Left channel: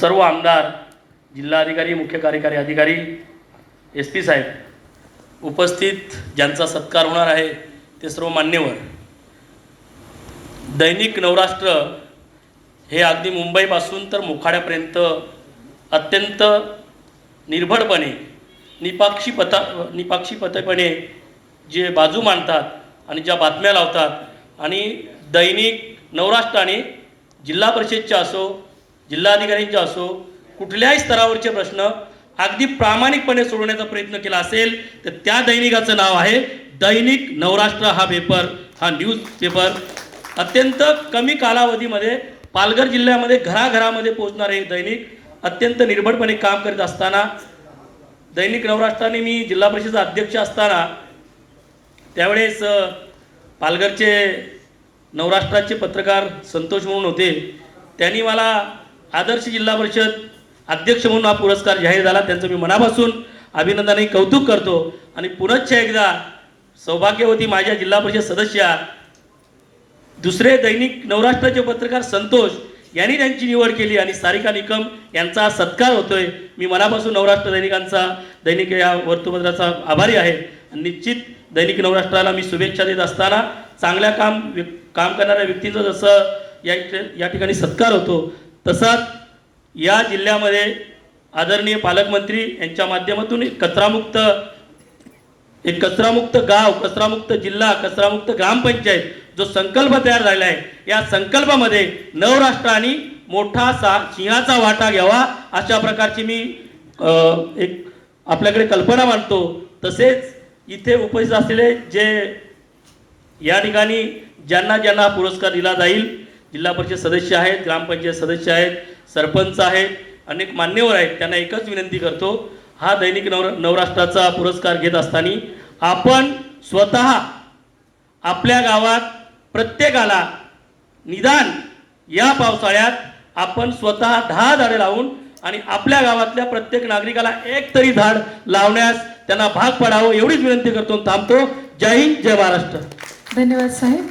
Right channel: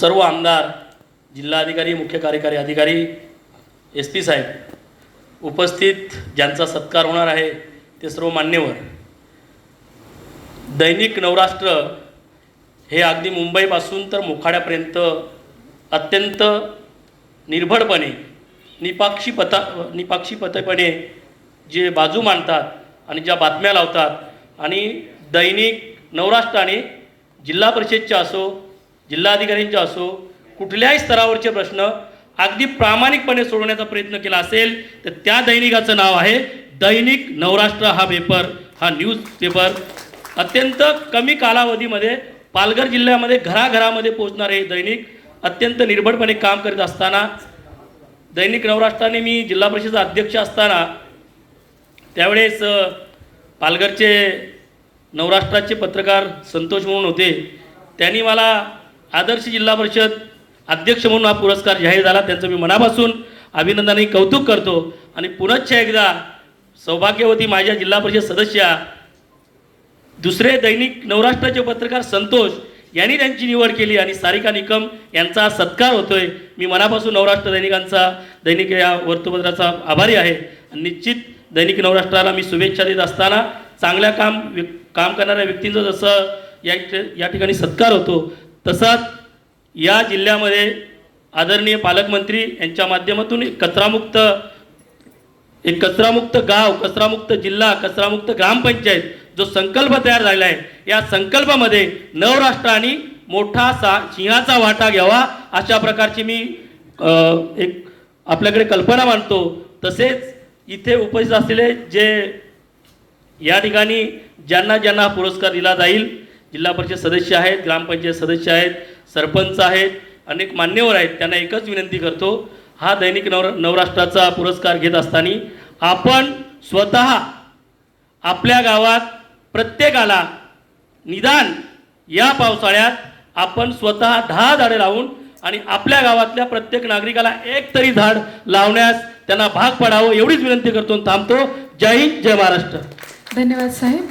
सर्व आमदार जिल्हाधिकारी मुख्य कार्यकारी अधिकारी एस पी साहेब उपस्थित ज्यांचा सत्कार होणार आहे ते सर्व मान्यवर. दैनिक नवराष्ट्र हे अगदी मुंबईपासून तर मोखाड्यापर्यंत अत्यंत निर्भडपणे निपाक्षी पता निपाक्षीपतपणे जे बाजू मांडतात आणि ज्या बातम्या लावतात आणि दैनिक नवराष्ट्र आणि जिल्हा परिषदच्या असो जिल्हाधिकाऱ्यांचे असो कुठल्याही स्तरावरचे प्रश्न अगदी प्रामाणिकपणे सोडवण्याचा प्रयत्न केला असेल तर त्या दैनिकाचं नाव आहे दैनिक नवराष्ट्र हा पेपर हा न्यूज पेपर अत्यंत कमी कालावधीमध्ये पालघर जिल्ह्यामध्ये घराघरामध्ये पोहोचणारे हे दैनिक अत्यंत निर्भडपणे काम करीत असताना दैनिक नवराष्ट्राने मी जिल्हा परिषद अध्यक्ष असताना त्यावेळेस पालघरचे नवराष्ट्राचे पत्रकार संतोष म्हणून होते. त्यांनी मला आदर्श जिल्हा परिषद अध्यक्ष म्हणून हा पुरस्कार जाहीर झाला. त्यांचं मी मनापासून अभिनंदन कौतुक करतो. आणि पुनश्च एकदा सौभाग्यवती माझ्या जिल्हा परिषद सदस्या दुसरे दैनिक नवराष्ट्राचे पत्रकार संतोष यांनी त्यांची निवड केली आणि सारिका निकम यांचा सत्कार होतोय. मी मनापासून नवराष्ट्र दैनिकांचा दैनिक या वर्तमानपत्राचा आभारी आहे. आणि निश्चित दैनिक नवराष्ट्राला मी शुभेच्छा देत असताना चांगल्या काम व्य- काम करणाऱ्या व्यक्तींचं जसं या या ठिकाणी सत्कार होतो तसाच या जिल्ह्यामध्ये आदरणीय पालकमंत्री यांच्या माध्यमातून एक कचरामुक्त एक कचरामुक्त गाव कचरामुक्त जिल्हा कचरामुक्त ग्रामपंचायत जो संकल्प तयार झालेला आहे या संकल्पामध्ये नवराष्ट्र आणि मोठा सा सिंहाचा वाटा घ्यावा अशा प्रकारची मी एक आपल्याकडे कल्पना मांडतो. तसेच इथे उपस्थित असलेले जे या ठिकाणी ज्यांना ज्यांना पुरस्कार दिला जाईल जिल्हा परिषद सदस्य आहेत ग्रामपंचायत सदस्य आहेत सरपंच आहेत अनेक मान्यवर आहेत. त्यांना एकच विनंती करतो हा दैनिक नवर नवराष्ट्राचा पुरस्कार घेत असताना आपण स्वतः आपल्या गावात प्रत्येकाला निदान या पावसाळ्यात आपण स्वतः दहा झाडे लावून आणि आपल्या गावातल्या प्रत्येक नागरिकाला एक तरी झाड लावण्यास त्यांना भाग पडावं एवढीच विनंती करतो थांबतो. जय हिंद जय महाराष्ट्र. धन्यवाद साहेब.